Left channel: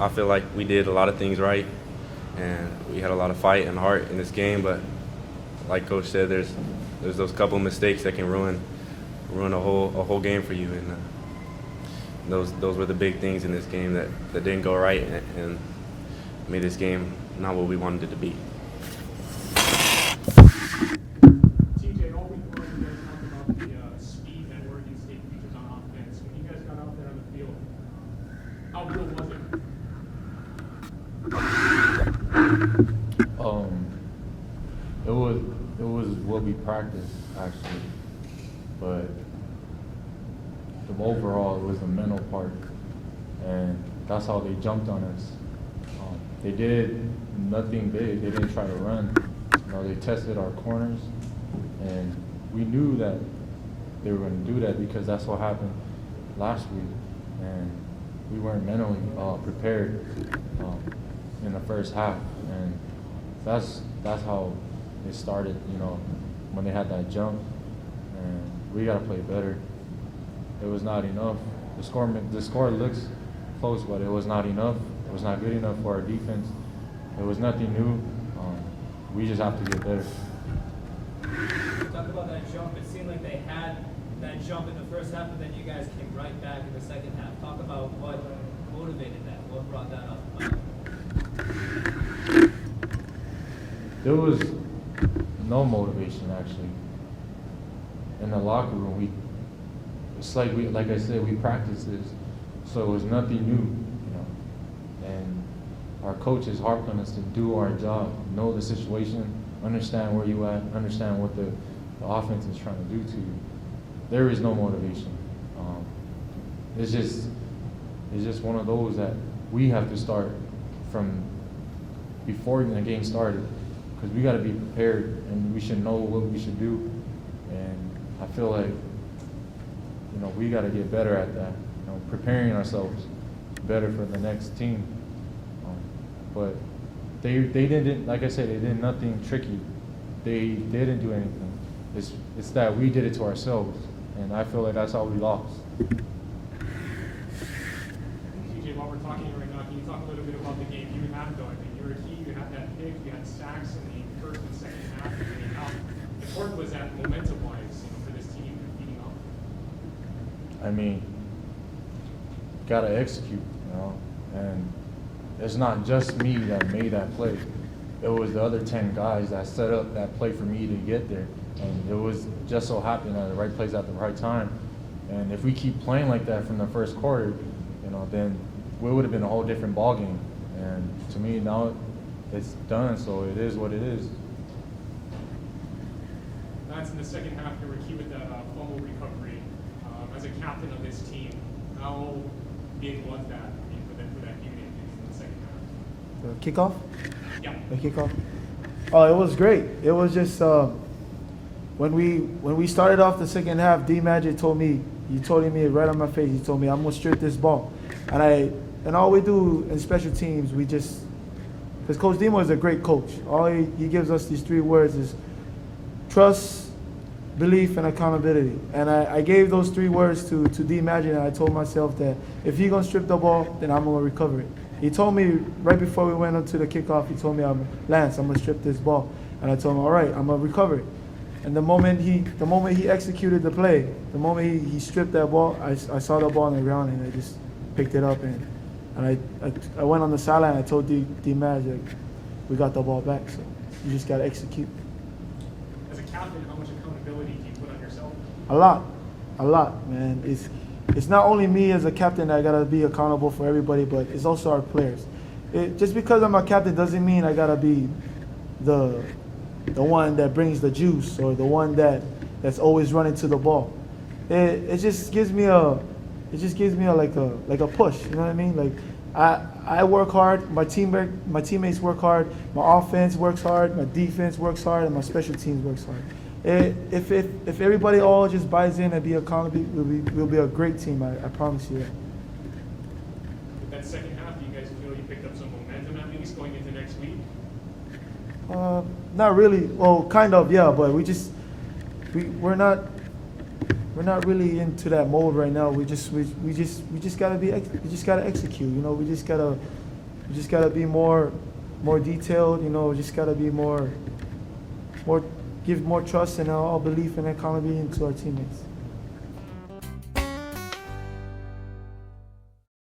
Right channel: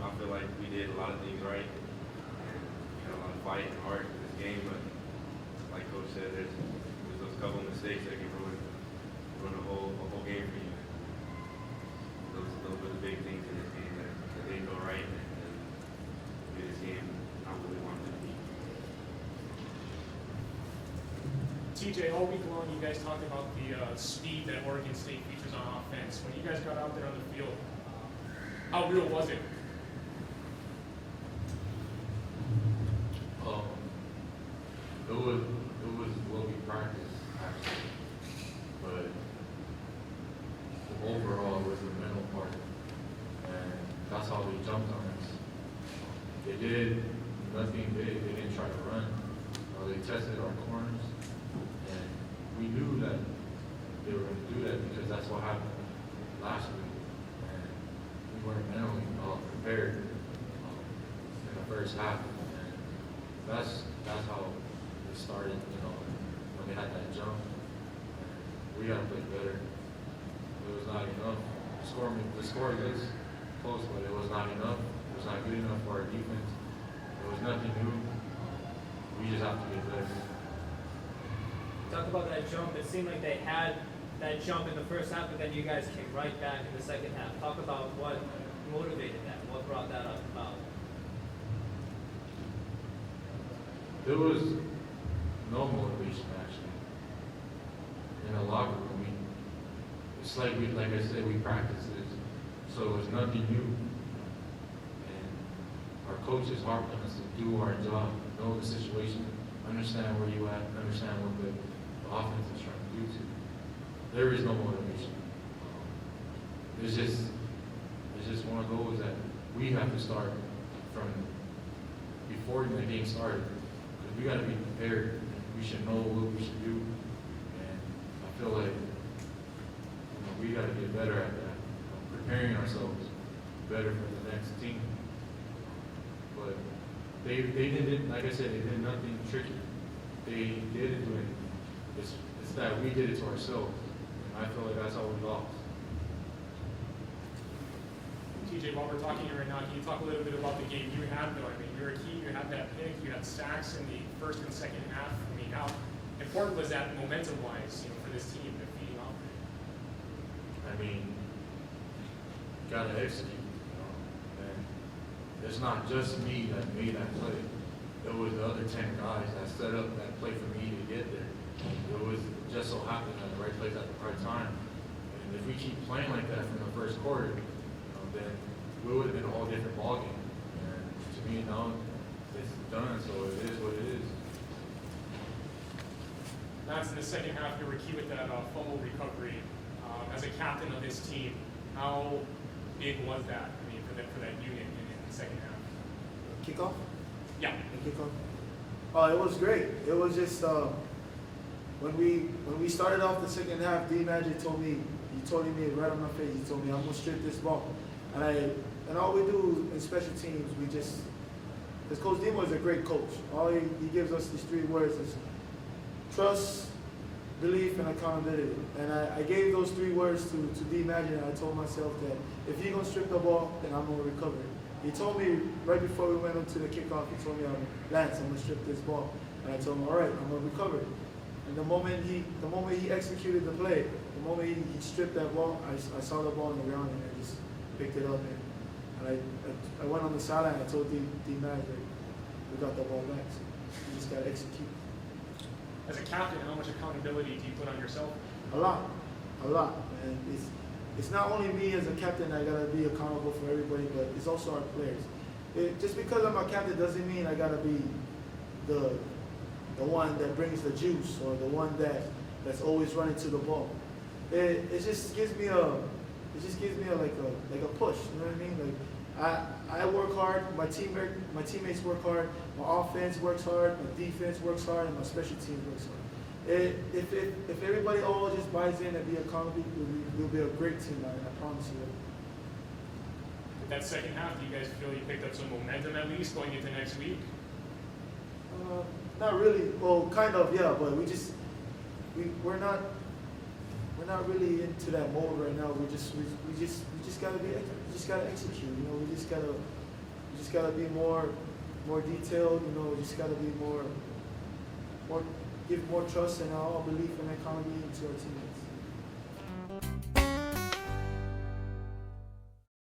I feel like we did a lot of things right, and we had a lot of fight and heart in this game. But like Coach said, there's those couple mistakes that can ruin a whole game for you, and those were the big things in this game that didn't go right and made this game not what we wanted it to be. TJ, all week long you guys talked about the speed that Oregon State features on offense. When you guys got out there on the field, how real was it? It was what we practiced actually, but overall it was the mental part, and that's how they jumped on us. They did nothing big. They didn't try to run. They tested our corners, and we knew that they were going to do that because that's what happened last week, and we weren't mentally prepared in the first half, and that's how it started. When they had that jump, and we got to play better. It was not enough. The score looks close, but it was not enough. It was not good enough for our defense. It was nothing new. We just have to get better. Talk about that jump. It seemed like they had that jump in the first half, but then you guys came right back in the second half. Talk about what motivated that. What brought that up? There was no motivation actually. In the locker room, it's like I said, we practiced this, so it was nothing new, And our coaches harped on us to do our job, know the situation, understand where you at, understand what the offense is trying to do to you. There is no motivation. It's just one of those that we have to start from before the game started, because we got to be prepared and we should know what we should do. And I feel like we got to get better at that. Preparing ourselves better for the next team. But they didn't, like I said, they did nothing tricky. They didn't do anything. It's that we did it to ourselves, and I feel like that's how we lost. TJ, while we're talking right now, can you talk a little bit about the game you had though? I mean, you were a key, you had that pick, you had sacks in the first and second half. I mean, how important was that momentum-wise, for this team competing off? I mean, gotta execute, and it's not just me that made that play. It was the other 10 guys that set up that play for me to get there, and it was just so happened at the right place at the right time. And if we keep playing like that from the first quarter, then we would have been a whole different ballgame. And to me, now it's done, so it is what it is. Lance, in the second half, you were key with that fumble recovery. As a captain of this team, how big was that? I mean, for that unit in the second half. Kickoff? Yeah. The kickoff. Oh, it was great. It was just when we started off the second half, D Magic told me right on my face. He told me, "I'm gonna strip this ball," and all we do in special teams, because Coach Demo is a great coach. All he gives us these 3 words is trust, belief, and accountability. And I gave those 3 words to D Magic, and I told myself that if he's gonna strip the ball, then I'm gonna recover it. He told me right before we went up to the kickoff, he told me, Lance, I'm gonna strip this ball. And I told him, all right, I'm gonna recover it. And the moment he executed the play, the moment he stripped that ball, I saw the ball on the ground, and I just picked it up, and I went on the sideline. I told D Magic, we got the ball back, so you just gotta execute. As a captain, how much accountability do you put on yourself? A lot, man. It's not only me as a captain that gotta be accountable for everybody, but it's also our players. Just because I'm a captain doesn't mean I gotta be the one that brings the juice or the one that's always running to the ball. It just gives me a like a push. You know what I mean? Like I work hard. My teammates work hard. My offense works hard. My defense works hard, and my special teams works hard. If everybody all just buys in and be accountable, we'll be a great team. I promise you that. With that second half, do you guys feel you picked up some momentum at least going into next week? Not really. Well, kind of, yeah. But we're not really into that mode right now. We just gotta execute. We just gotta We just gotta be more detailed. You know, just gotta be more, give more trust and all belief and accountability to our teammates.